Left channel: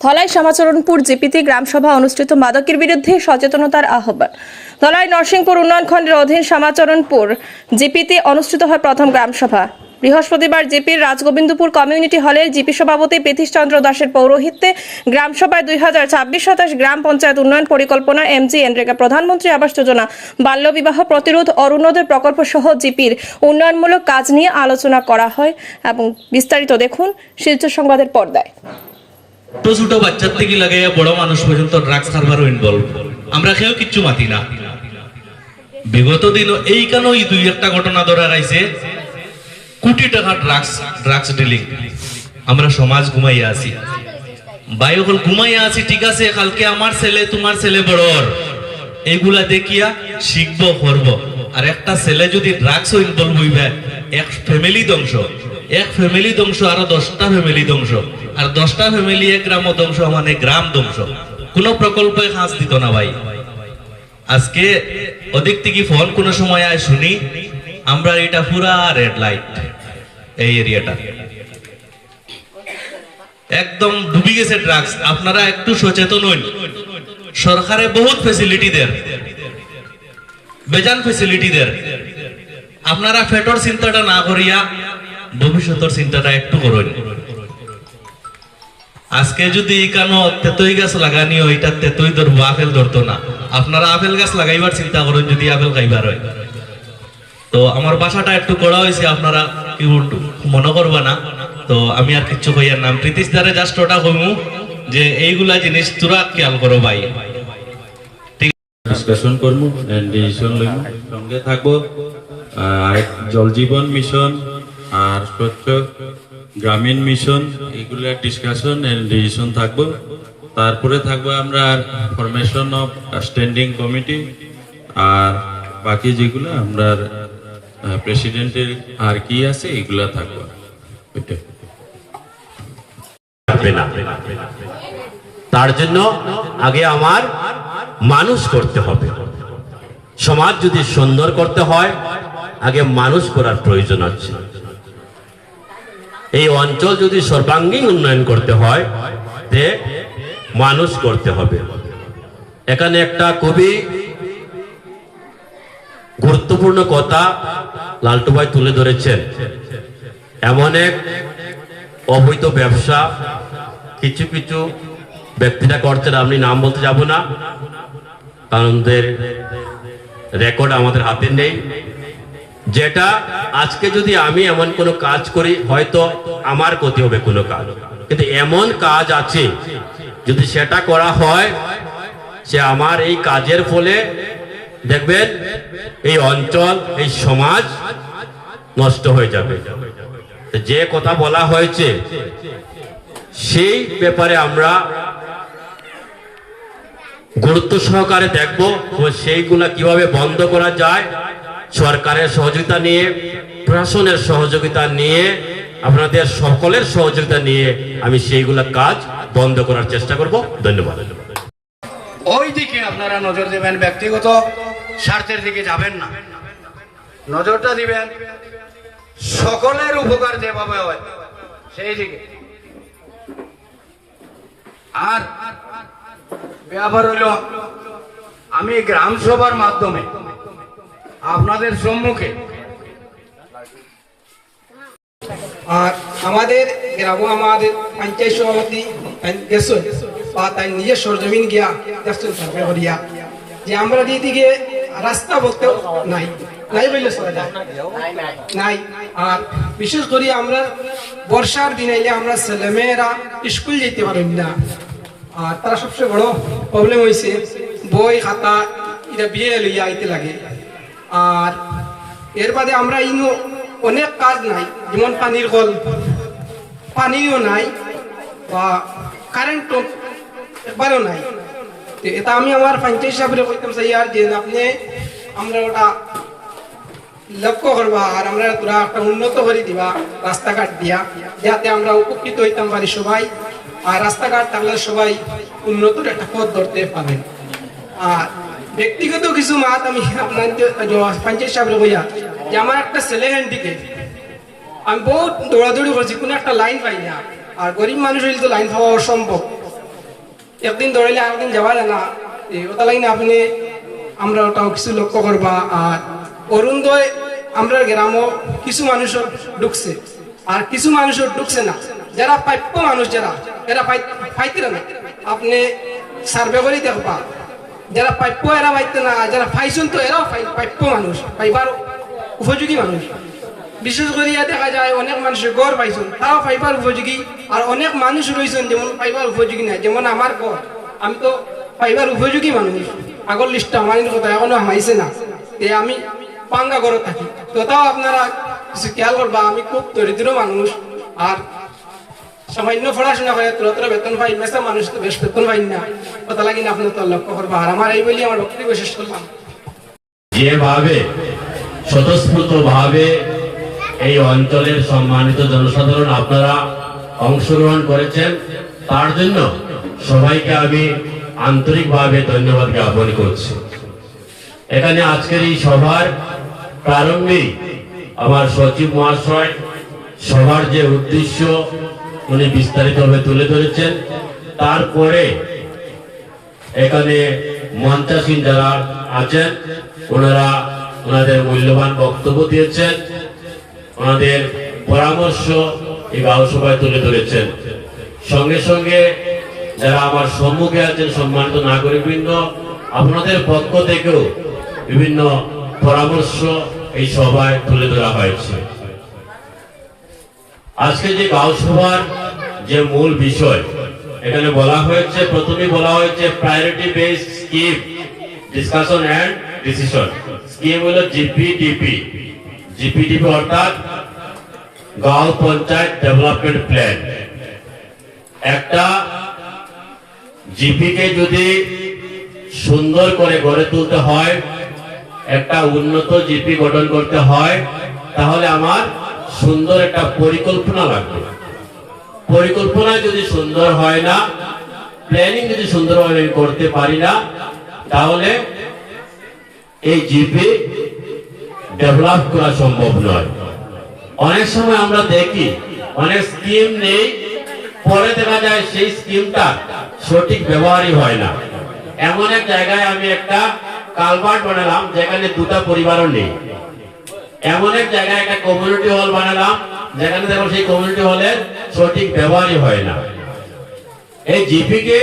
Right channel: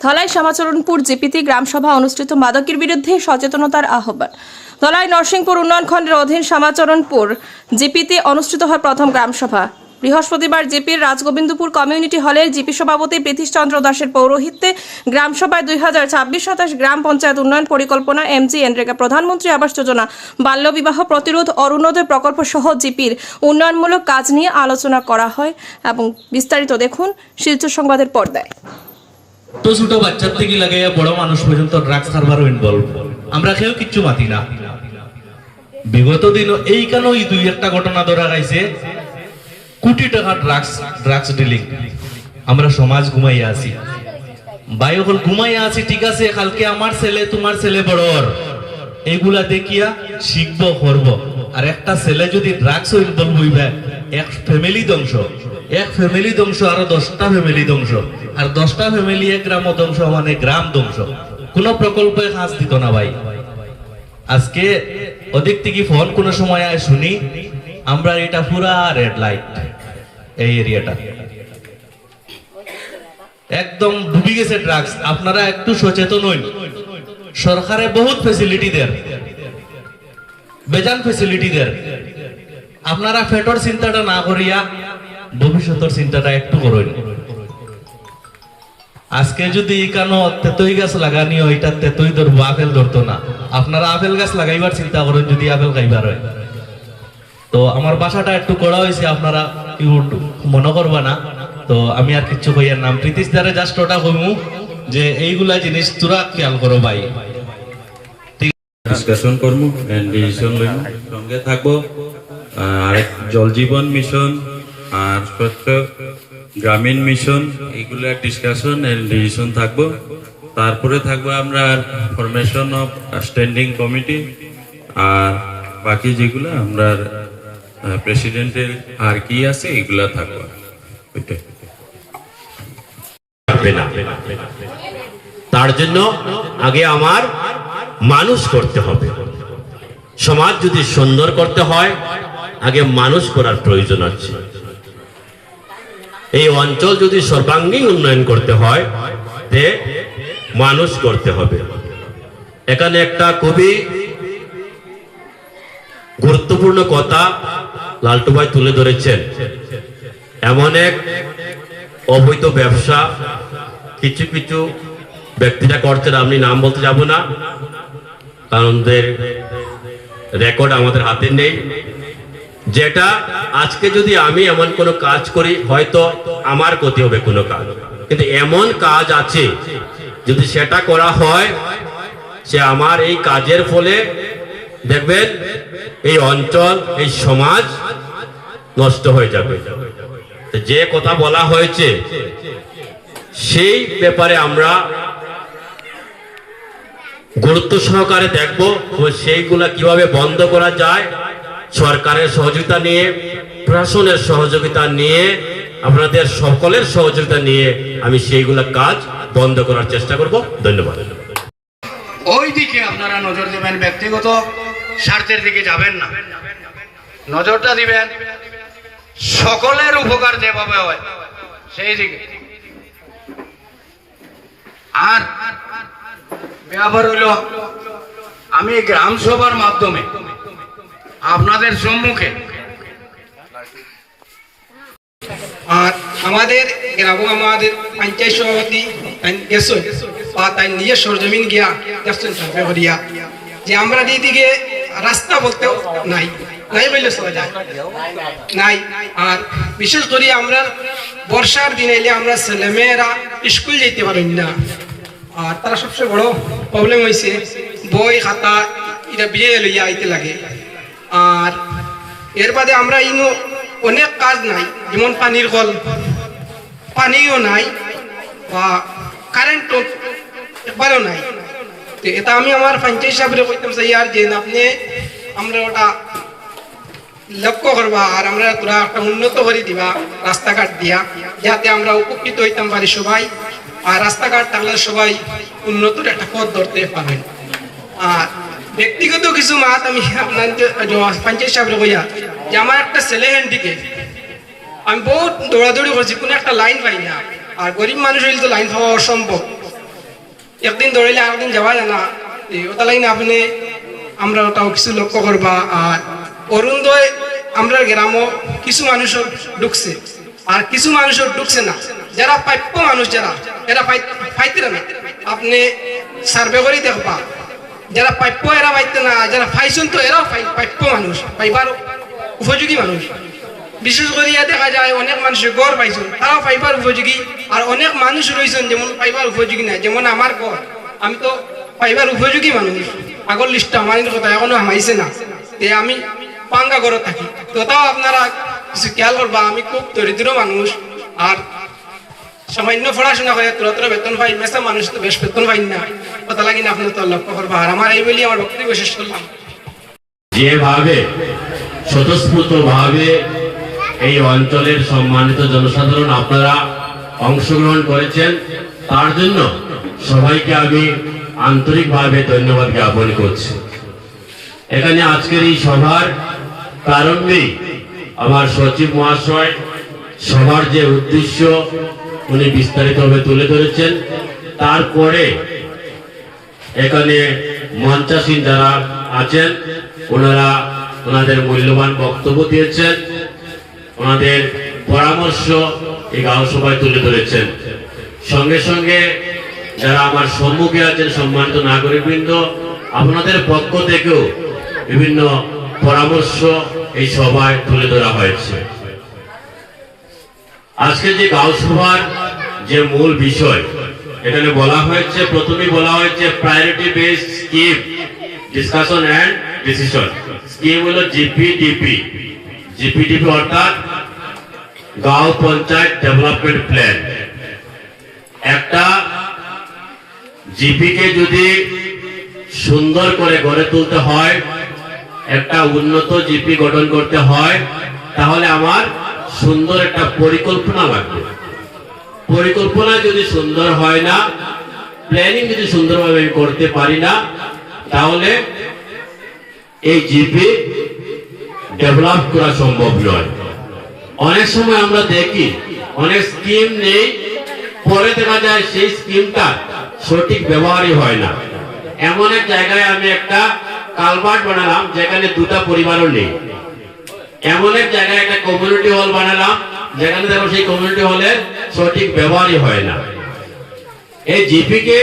ধলাই সমাচরণপুর জিপিতে গ্রামসভা অনুষ্ঠিত মাদকের বিরুদ্ধে সচেতনতার আহ্বান। ধলাই নরসিংপুর উন্নয়ন খণ্ডের অধীন সমাচরণপুর জিপিতে অনুষ্ঠিত হয় প্রথম গ্রামসভা। বৃহস্পতিবার জিপির রাজগোবিন্দপুর কমিউনিটি হলের জিপি সভাপতি প্রীতিশ চন্দ্র দাসের পৌরোহিত্যে গ্রামসভায় দুই হাজার ছাব্বিশ সাতাশ গ্রাম পঞ্চায়েত উন্নয়ন পরিকল্পনা এমজি এনরেগা প্রধানমন্ত্রী আবাস যোজনা, বাল্যবিবাহ প্রতিরোধ অরুণোদয় প্রকল্প সহ জিপির উন্নয়নমূলক কাজ নিয়ে আলোচনা করা হয় এবং বিস্তারিত দেখুন শিলচর সংবাদের পর্দায়। ছোট ছোট বাচ্চার থেকে লাগে, বড় মানুষ পর্যন্ত ড্রাগস ইনভলভ আমরা কিচ্ছু মাতি না। বিগত দিন এই দুই একটা ঘটনা ধরা গাইছে কোটি টাকা ড্রাগস ড্রাগস ডিলিং আমরা সমাজ ঘুমাইয়া আছি। ভাই হল ঘুমাইয়া আছি, ঠিক আছে, কালকে আমার ছেলে, তোমার ছেলে বড়র। এগুলা দেখিয়া শিখব, করব। আর একটা ছেলে যদি ড্রাগস ইনভলভ হইবে, এক ফ্যামিলি ধ্বংস। এক ফ্যামিলি ধ্বংস, আরও দশটা ফ্যামিলি ধ্বংস। আর দশটা ফ্যামিলি গ্রাম ধ্বংস মানে গ্রাম ধ্বংস। কোন প্রকল্পে কাজ দিত না ভাই। আজকে অধিক থেকে ফোন কোন সময় আয় শুনি, আমরা এটা পুরা রেড লাইট এই এরিয়াটা একদম ডুবি গেছে ড্রাগস আপনারা একটু সচেতন হইন। সরকারে বহুত ফেসিলিটি দেয় বেজান ফেসিলিটি দেন। আপনারা ফেটর চিন্তাটা না করিয়া ভবিষ্যতের চিন্তাটা একটু করুন। আজকে যদি এখানো তেতই গাছ লাগানি এটা তেতই ধরবো, আপেল ধরতো না। আপনারা আপেল গাছ লাগাইবার চিন্তা করুন, যদি আপেল খাইবার হয়। তো আমার বাসাটা একটু করা হয়েছে, আপনারা কেউ মনে করবা না। তো আমি আর কিচ্ছু কইয়ার নাম প্রীতিশ দ্বারে জাস্ট ওটা কইমু, যে এইগুলা জিনিস তোরা খেয়াল করো ভাই। ডিসকাশন করব এন্ড ডিসিশন লইব সঙ্গে থাকব আর জল জীবন মিশন আর স্বচ্ছ গ্রামীণ মিশন, এগুলা ডিসকাশন এন্ড ডিসিশন থাকব। তারপরে থাকব আমরা ফরমেশন অফ স্ট্যান্ডিং কমিটি আর বাকি যেগুলো আমরা প্রেসিডেন্টের আর কি আছে, এগুলা থাকব। তার জন্য আগে আমার মানুষ করতে হবে। সমাজ যদি সুন্দর করতে হয়, আগে মানুষ করার প্রয়োজন আছে। এই অঞ্চল যদি সর্বাঙ্গীন উন্নয়ন করতে হয়, তে মানুষ করতে হবে। এখানে একটা খুবই গুরুত্বপূর্ণ কথা লালটু ভাই তুলে ধরেছেন। এমন এক অবৈধ ব্যবসা, কিছু কিছু ব্যক্তিরা করছেন, আমি নাম বলতে যাব না, কারণ রেকর্ড আমাদের হাতে নেই। যেটা আজকে যদি আমি এমন কোনো কাজ করি, হয়তো আমার ক্ষতি হবে কোনো কাজ। কিন্তু এমন কাজ আছে, যদি সেটা করা হয়, সে আমার এই কাজের ফলে, দেখবেন, এই অঞ্চল, এই সমাজ নষ্ট হয়ে যাবে। যে কথা বলা হয়েছে, সেই ব্যাপারে আমরা গুরুত্ব সহকারে দেখব সেইগুলা কীভাবে বন্ধ করা যায় সরকারের সহযোগিতা নিয়ে, প্রশাসনের সহযোগিতা নিয়ে, আপনাদের সকলের সহযোগিতা নিয়ে আমি সেইগুলো কাজ বন্ধ করার চেষ্টা করব। ধন্যবাদ। ওই দিকে আপনারা নজর দেবেন ব্যক্তিগত, স্বার্থের দিকে যাবেন না। নজরটা দিবেন, সকলের উপকার যেভাবে হয়, সেই দিকে। আর ব্যাপার হইল আমি গ্রাম সভার মাধ্যমে আপনাদের সম্মুখে। আর আমাদের গ্রাম আমাদের পঞ্চায়েত সভাপতি বা তাই নিজে সরজমিন গিয়া করিয়া যে আমরা দিদিকে রাস্তা বলতে নাই নাই বললে চলা যায়। নাই, আর বিশেষ করে আমরা বর্ষার দিন এলে আমরা ছেলেমেয়েরা স্কুল যেতে পারি না। আর তারা সবচেয়ে বড় প্রবলেম হয়েছে বই খাতা, এটা বিয়ে লইয়া আইতে লাগে। আর এর বাদে আমরা ইনো অনেক কাজ নাই, যেমন পানির কল। পানিও নাই বা কারেন্ট একবারও নাই। তো এটা আমি আমার পঞ্চায়েত সাহেবের কইতাম চাই আর যে আপনি আমরা ওটা লক্ষ্য করবা আর আমরা তোরা একটা উন্নত করে দিবা, রাস্তাঘাট দিয়া, যাতে আমরা উপকৃত হইতাম পারি সবাই আর রাস্তাঘাট থাকলে সবাই উন্নতর একটা পথ ধরতে পারবে আর ব্যক্তিগত কিছু মাত আমি পঞ্চায়েত কইয়া যে আমার একটা ছেলে হ্যান্ডিকে আমি বহুত দৌড়াদৌড়ি করছি, কোনো একটা লাইন পাই না। আর গরিব মানুষ হইলে তো লাইন পাওয়া অসম্ভব। একদিন দৌড়াইলে আরেকদিন যাওয়া যায় না। ওটা লাগে না আপনি, আমরা ওটাও কিছু লক্ষ্য করবা। আর অরুণোদয় আমরা গ্রামও কিছু মানুষের ঢুকছে। আর কিছু মানুষের ঢুকছে না। যারা প্রাপ্য মানুষ যারা, এরা পাই- পাইতে না। আপনি সার্ভে করে দেখবা। যারা প্রাপ্য, এরা পাইতে না, যারা পাইছেন তো এরাও প্রাপ্য মানুষ পাইবার উপযোগী মানুষ। বিশেষ করে ইয়া দেখা যায়, অনেক মানুষের গড় পাইছেন, তারাও পাইবার উপযোগী, আর অনেক মানুষ রয়েছেন যেমন পাইবার উপযোগী নাই, যেমন আমার গড়। আমি তো পাইবার উপযোগী মানুষ। আগর লিস্ট আমার কথা এখনও হামাইছে না। আমি পাঙ্গা ঘরে থাকি। তো তাও আপনারা কিছু খেয়াল করবা, আমি খুব দরিদ্র মানুষ, আর সামান্য পড়াশোনা করে তোরা বেতন পাই মেসা মানুষ তো বেশ বেতন পাই না। কথা লাগি না আপনার তো লক্ষ্য করবা আর আমার এই বলি আমার বক্তব্য শেষ করলাম। যেভাবে স্বতঃস্ফূর্ত ভাবে এই অঞ্চলের সম্মানিত জনসাধারণ আপনারা অংশগ্রহণ করেছেন, তার জন্য সবাইকে আমি আন্তরিকভাবে ধন্যবাদ জ্ঞাপন করছি। এখানে আজকের এই সভার প্রারম্ভেই আমার সচিব মহাশয়, সভার যে উদ্দেশ্য উনি বিস্তারিতভাবে তুলে ধরেছেন। তারপরে এখানে মঞ্চাসীন যারা আছেন, ওনারা ওনাদের মূল্যবান বক্তব্য দিয়েছেন, ওনাদের পরামর্শ এই গাঁও তুলে ধরেছেন। সঙ্গে সঙ্গে যারা আমার সম্মুখে আছেন, সম্মানিত নাগরিকবৃন্দ, আপনাদের পক্ষ থেকেও বিভিন্ন পরামর্শ এই সভায় তুলে ধরা হয়েছে। আজকে যে গাঁও সভার যে মূল বিষয়, এখানে বলা হয়েছে, প্রথমে বলা হয়েছে priority base scheme discussion and decision scheme হলো জিপিডিপি জিপিডিপি অর্থাৎ গাঁও পঞ্চায়েত ডেভেলপমেন্ট প্ল্যান একটা জিপিকে যদি সুন্দর করে গড়ে তুলতে হয়, একটা উন্নত জিপি গঠন করতে হয়, তাহলে আমার সুন্দর একটা পরিকল্পনা লাগবে। পরিকল্পনা যদি সুন্দর হয় না প্ল্যানিং যদি সুন্দরভাবে আমি করতে পারি না, তাহলে এই জিপি ডেভেলপ করা সম্ভব নয়। অনেক সময় আমরা দেখি, অনেক স্কিম নেই, পরে দেখা যায় সেই স্কিমটা সঠিক ব্যবহারই হয় না। এমন এক জায়গায় আমি একটা কালভার্ট বানালাম, যেখানে দুটা পরিবারও নেই। এমন এক জায়গায় একটা কমিউনিটি হল বানালাম, যেখানে দেখো সেই কমিউনিটি হলের সঠিক ব্যবহারই হয় না। এই জিপি কে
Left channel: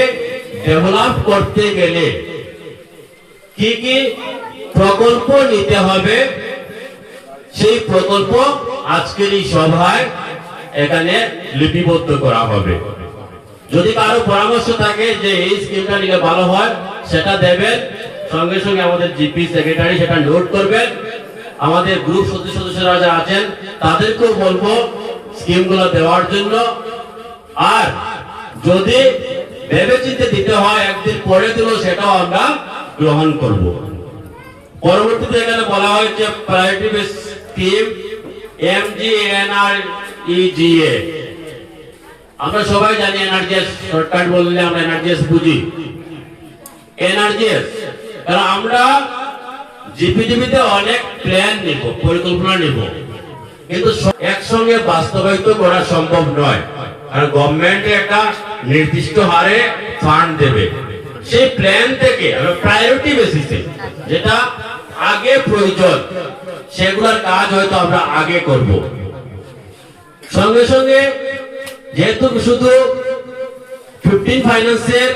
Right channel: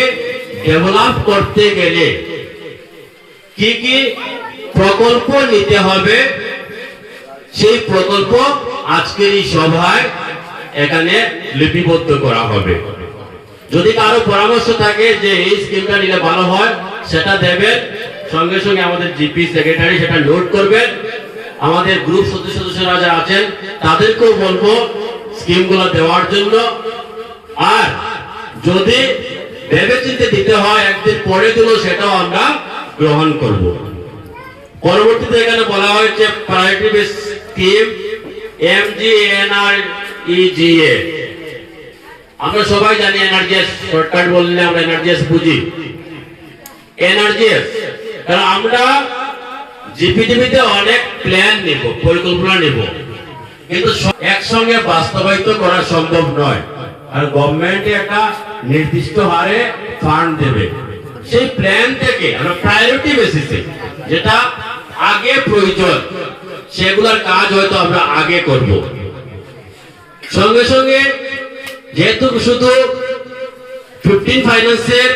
ডেভেলপ করতে গেলে কি কি প্রকল্প নিতে হবে, সেই প্রকল্প আজকের এই সভায় এখানে লিপিবদ্ধ করা হবে। যদি কারও পরামর্শ থাকে যে এই স্কিমটা নিলে ভালো হয়, সেটা দেবেন। সঙ্গে সঙ্গে আমাদের জিপি সেক্রেটারি সেটা নোট করবেন। আমাদের গ্রুপ সদস্য সদস্যরা যারা আছেন, তাদেরকেও বলব স্কিমগুলো দেওয়ার জন্য। আর যদি ভেবে চিন্তে দিতে হয়, একদিন পরে দিল সেটাও আমরা গ্রহণ করব। পরবর্তীতে এখানে বলা হয়েছে priority base scheme MGNREGA আমরা সবাই জানি এনআরজিএস শর্টকাট বললে আমরা এনআরজিএস বুঝি। এনআরজিএস কারণ আমরা জিপিডিবিতে অনেক প্ল্যান নেব, পরিকল্পনা নেব। কিন্তু একসঙ্গে বাস্তবায়িত করা সম্ভব নয়। আর গভর্নমেন্ট একটা নির্দিষ্ট হারে ফান্ড দেবে। সেই প্ল্যান থেকে প্রায়োরিটি বেসিসে যেটা আগে প্রয়োজন, সেগুলোর কাজ হয়তো আমরা আগে করব। সঙ্গে সঙ্গে যেহেতু শুধু ফিফটিন ফাইন্যান্সের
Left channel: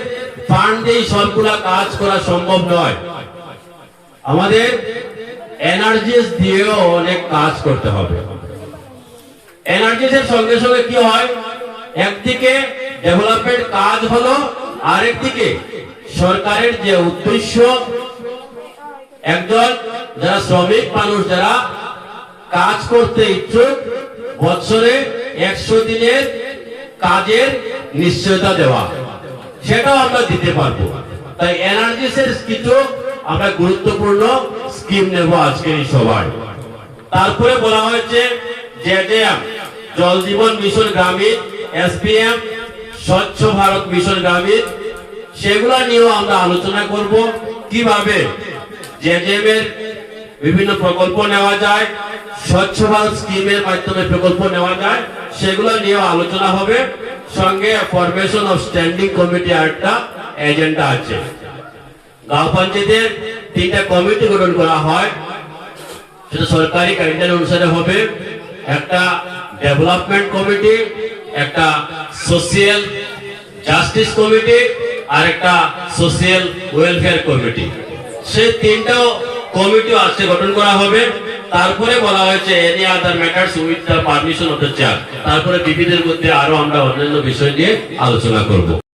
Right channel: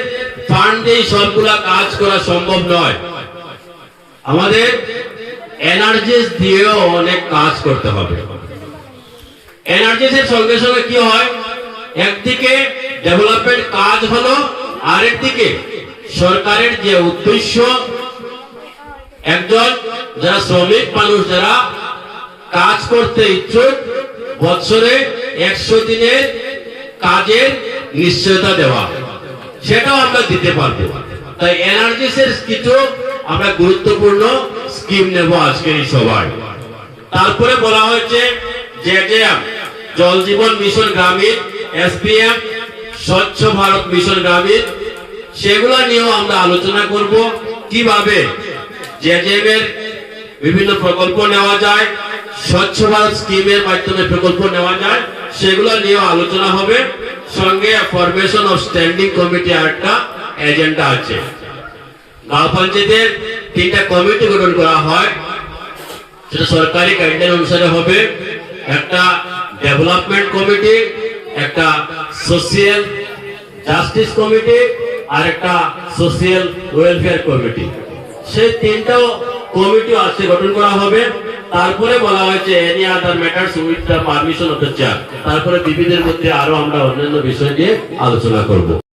ফান্ড দিয়ে সবগুলা কাজ করা সম্ভব নয় আমাদের এনার্জিস দিয়েও অনেক কাজ করতে হবে। এনার্জিসের সঙ্গে সঙ্গে কি হয়? একদিকে ডেভেলপমেন্ট কাজ হলো, আরেকদিকে সরকারের যে উদ্দেশ্য একজন যারা শ্রমিক মানুষ, যারা কাজ করতে ইচ্ছুক বছরে একশো দিনের কাজের নিশ্চয়তা দেওয়া। সেটাও আমরা দিতে পারব। তাই এনার্জিসের কিছু আমরা গুরুত্বপূর্ণ স্কিম নেব আজকের এই সভায়। তারপরে বলা হয়েছে যে জল জীবন মিশন গ্রামীণ, এসপিএম, স্বচ্ছ ভারত মিশন গ্রামীণ, সেগুলো নিয়েও আমরা আলোচনা করব। কীভাবে যে এর বিভিন্ন প্রকল্প নেওয়া যায়, স্বচ্ছ ভারত স্কিমের মাধ্যমে প্রকল্প নেওয়া যায়, সেগুলো নিয়েও আলোচনা হবে। সঙ্গে ফরমেশন অফ স্ট্যান্ডিং কমিটি একটা এজেন্ডা আছে। গাঁও পঞ্চায়েতের তিনটা কমিটি গঠন করা হয়। সেটা সরকারি গাইডলাইন অনুসারে হবে। একটা ডেভেলপমেন্ট কমিটি একটা সোশিয়াল জাস্টিস কমিটি আর একটা সোশিয়াল ওয়েলফেয়ার কমিটি সেই তিনটাও কমিটি আজকে গঠন করা হবে। তারপরে বলা হয়েছে any other matters with the permission of the chair তারপরে বিবিদের মধ্যে আরও আমরা অন্যান্য বিষয় নিয়ে আলোচনা করব।